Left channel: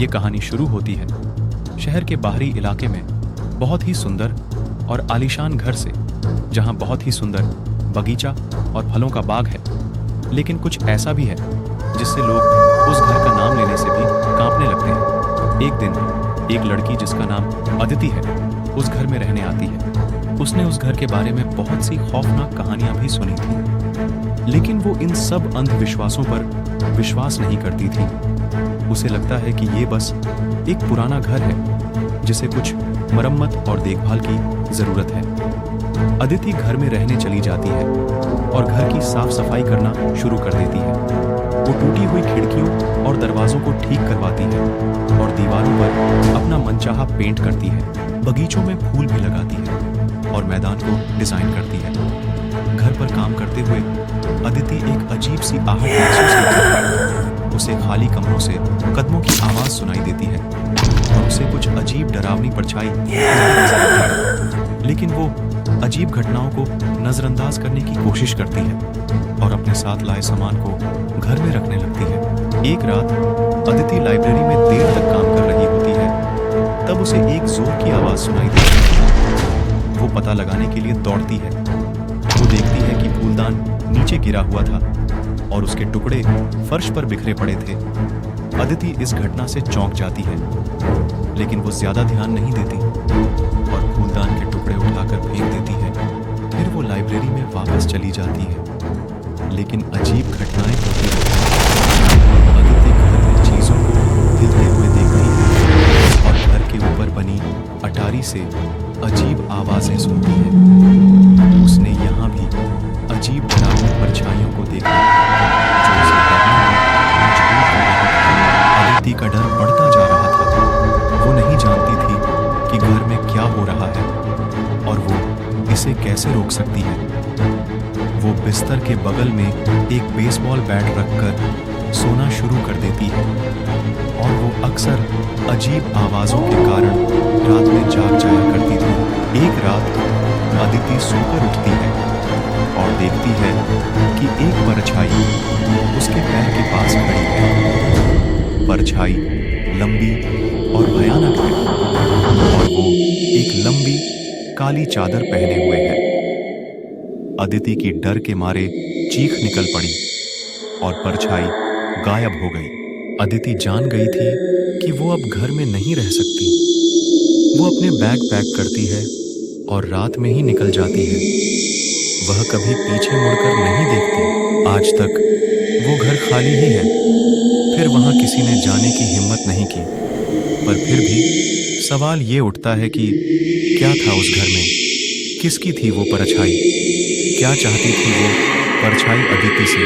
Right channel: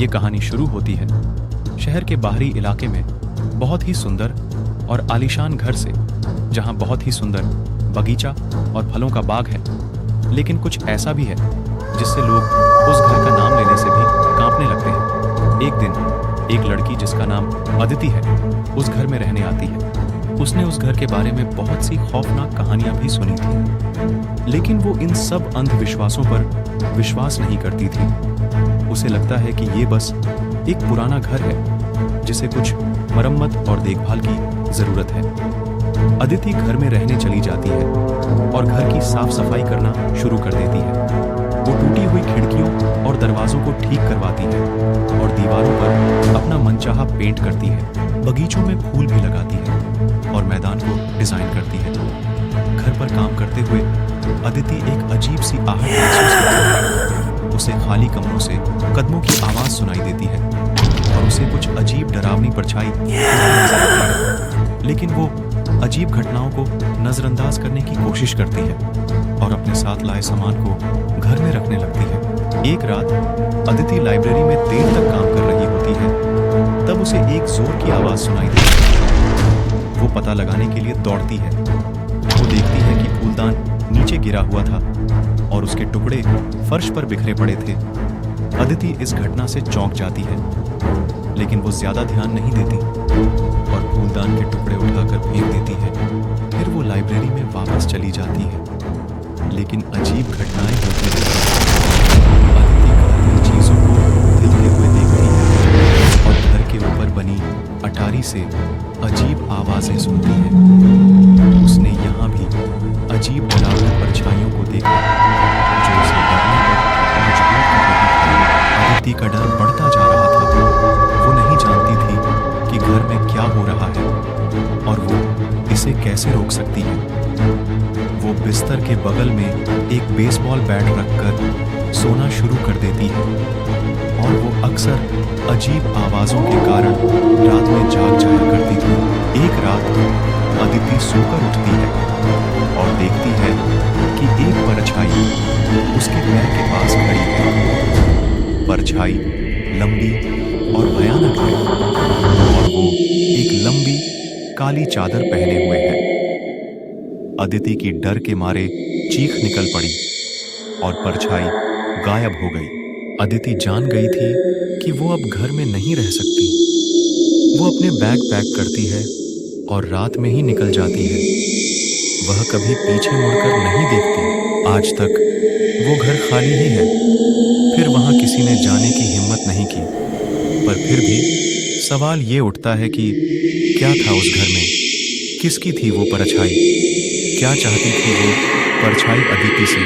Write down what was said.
ये कहानी शुरू होती है शहर के बाहरी इलाके में बहुत ही सुंदर और आलीशान घर से, जहां बहुत ही सुंदर बगीचा और फलों का बाग है। लेकिन कुछ ऐसा भी है जिससे लोग उस घर का नाम लेने से भी कांपने लगते हैं। एक दिन एक लड़की जिसका नाम अदिति है उस घर में रहने आती है। उसने उस घर के बारे में बहुत सी खौफनाक कहानियां भी सुनी थी, लेकिन वो इन सब अंधविश्वासों पर विश्वास नहीं करती थी। उसे लगता है कि ये बस एक पुराना घर है जिसे कुछ मरम्मत और देखभाल की जरूरत है। अदिति घर में रहने चली जाती है और घर की साफ सफाई करना शुरू कर देती है। वो टूटी हुई खिड़कियों और दरवाजों को ठीक करवाती है और दीवारों पर अपना मनचाहा पेंट करती है। बगीचों में फूल भी लगाती है और मैदान को डिजाइन करती है। घर पर काम करते हुए अदिति एक अजीब सी आहट महसूस करती है। उसे खाली कमरों से कदमों की आवाज सुनाई देती है और उसे कुछ अजीब डरावनी परछाई नजर आती है। लेकिन वो अजीब घटनाओं को नजरअंदाज करने की कोशिश करती है और अपने साथ लाए सामान को घर में रखने लगती है। एक रात अदिति लाइब्रेरी में देर तक काम कर रही होती है, तब उसे एक जोर की आवाज सुनाई देती है। वो पता लगाने के लिए दौड़ती है। वो देखती है कि फूलदान नीचे गिरा हुआ था और उसके टुकड़े फर्श पर बिखरे पड़े थे। अदिति इस घटना से चौंक जाती है, लेकिन वो ज्यादा ध्यान नहीं देती और फूलदान के टुकड़े उठाकर फेंक देती है। फिर वो लाइब्रेरी में वापस चली जाती है, लेकिन अजीब घटनाएं होती रहती हैं। अदिति घर में चीजों को हिलते हुए देखती है और घर के ऊपर बनी अटारी से अजीब आवाजें सुनती है। उसने यहाँ भी अजीब डरावनी परछाइयों को देखा जो उसे डरने पर मजबूर कर रही थी। अदिति का डर बढ़ता जा रहा था। वो नहीं जानती थी कि घर में क्या हो रहा है और वो इसे कैसे रोक सकती है। वो बिस्तर के बगल में एक बेसबॉल बैट रखकर सोना शुरू कर देती है और वो अक्सर अजीब आवाजों के कारण रात में जाग जाया करती थी। एक रात अदिति सोकर उठती है और देखती है कि एक परछाई उसके पैर के पास खड़ी है। परछाई लंबी और भयानक है और वो एक लंबी काली चादर पहने हुए है। अदिति की डर के मारे चीख निकल पड़ी और परछाई गायब हो गई। अदिति जान गई थी कि वो अब घर में नहीं रह सकती। वो अपने बैग पैक करती है और रात में ही निकल जाती है। वह कभी पीछे मुड़कर नहीं देखती। आज तक वो घर खाली ही है। फिर वहां किसी ने जाने की हिम्मत नहीं की, पर फिर भी सवाल ये उठता है कि क्या था उस घर में? किसकी थी वो परछाई? क्या चाहती थी वो परछाई अदिति से?